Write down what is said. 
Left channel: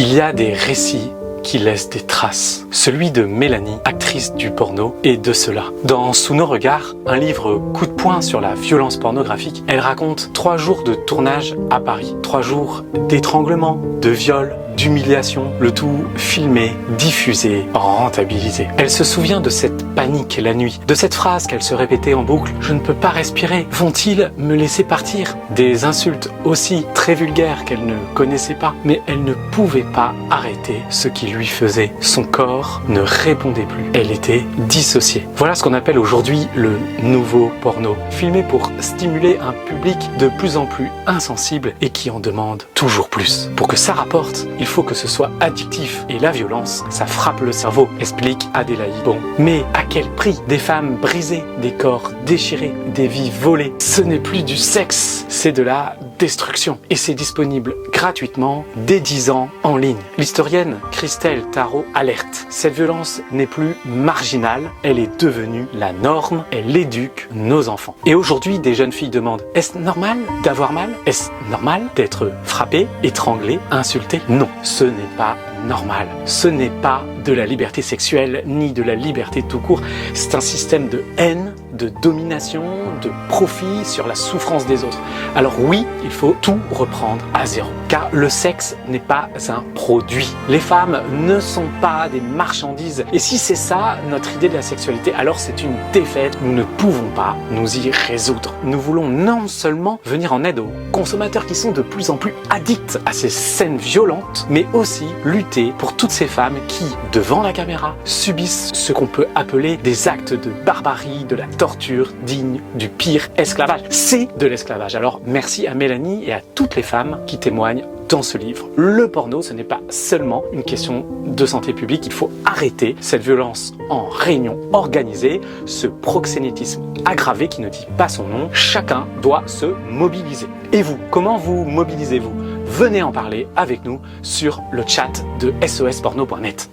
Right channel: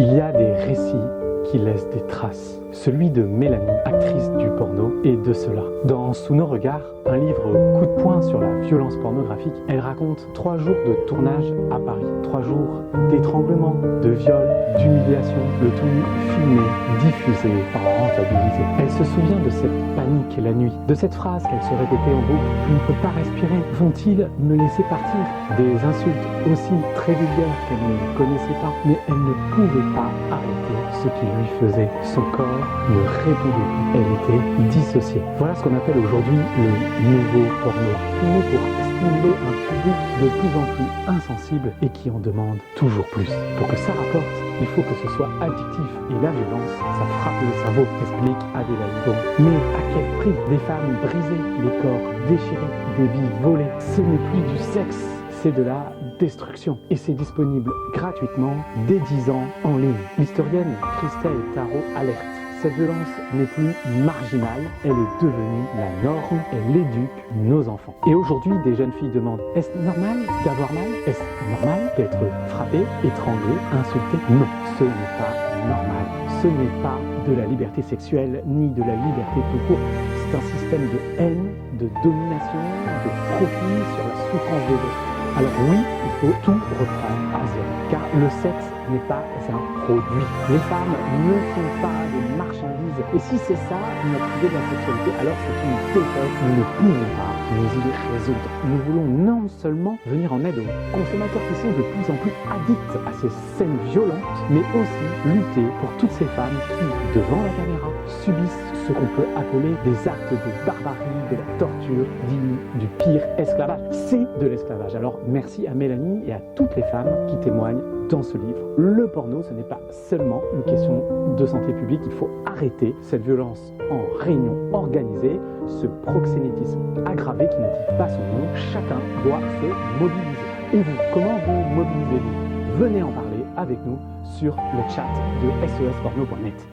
Il y a des récits qui laisse des traces. Celui de Mélanie, actrice du porno, est de cela. Dans Sous nos regards, un livre coup de poing sur la violence pornographique, elle raconte 3 jours de tournage à Paris. 3 jours d'étranglement, de viol, d'humiliation, le tout filmé, diffusé, rentabilisé. Elle se souvient de cette panique la nuit, de cette phrase qu'elle se répétait en boucle: « Je ne peux pas respirer, vont-ils me laisser partir ?» Des insultes aussi très vulgaires qu'elle ne connaissait pas, mais elle ne pouvait pas arrêter ce qui lui faisait. Son corps ne répondait plus. Elle était dissociée. Voilà ce qu'on appelle aujourd'hui le nouveau porno. Filmé pour stimuler un public de plus en plus insensible et qui en demande toujours plus. Pour que ça rapporte, il faut que ce soit addictif. Et la violence, ça frappe le cerveau, explique Adélaïde Bon. Mais à quel prix? Des femmes brisées, des corps déchirés, des vies volées. Ce n'est plus du sexe, c'est de la destruction. Et c'est disponible gratuitement dès 10 ans en ligne. L'historienne Christelle Tarot alerte. Cette violence n'est plus marginale, elle est devenue la norme, elle éduque nos enfants. Et aujourd'hui, des jeunes filles demandent: est-ce normal d'avoir mal? Est-ce normal d'être frappé, étranglé, insulté? Non, ce n'est pas normal. Ce n'est pas de la liberté sexuelle, ni de la liberté tout court. C'est un système de haine, de domination, de profit sur la souffrance des autres. Alors oui, il faut tout reprendre à zéro, car le sexe n'est pas un produit. Les femmes ne sont pas des marchandises. Et si c'est ça notre idée de la sexualité, alors c'est une défaite. Nous ne pouvons pas nous y résoudre. Nous voulons non seulement venir en aide aux consommateurs qui sont de plus en plus addicts à ces scènes violentes, mais aussi lutter pour toutes ces femmes qui, devant la caméra, subissent ce qu'on peut appeler des actes de barbarie, de la torture digne du pire esclavage. C'est de l'esclavage. Alors merci à Mélanie et à toutes les femmes qui témoignent dans ce livre. Le porno, ce n'est pas seulement une question de santé publique. Il faut arrêter cette violence en réunion organisée, ce proxénétisme aggravé qui ne dit pas son nom. Chacun doit se mobiliser. Et vous, comment vous mobilisez-vous? Venez en parler avec nous sur le chat de sosporno.net.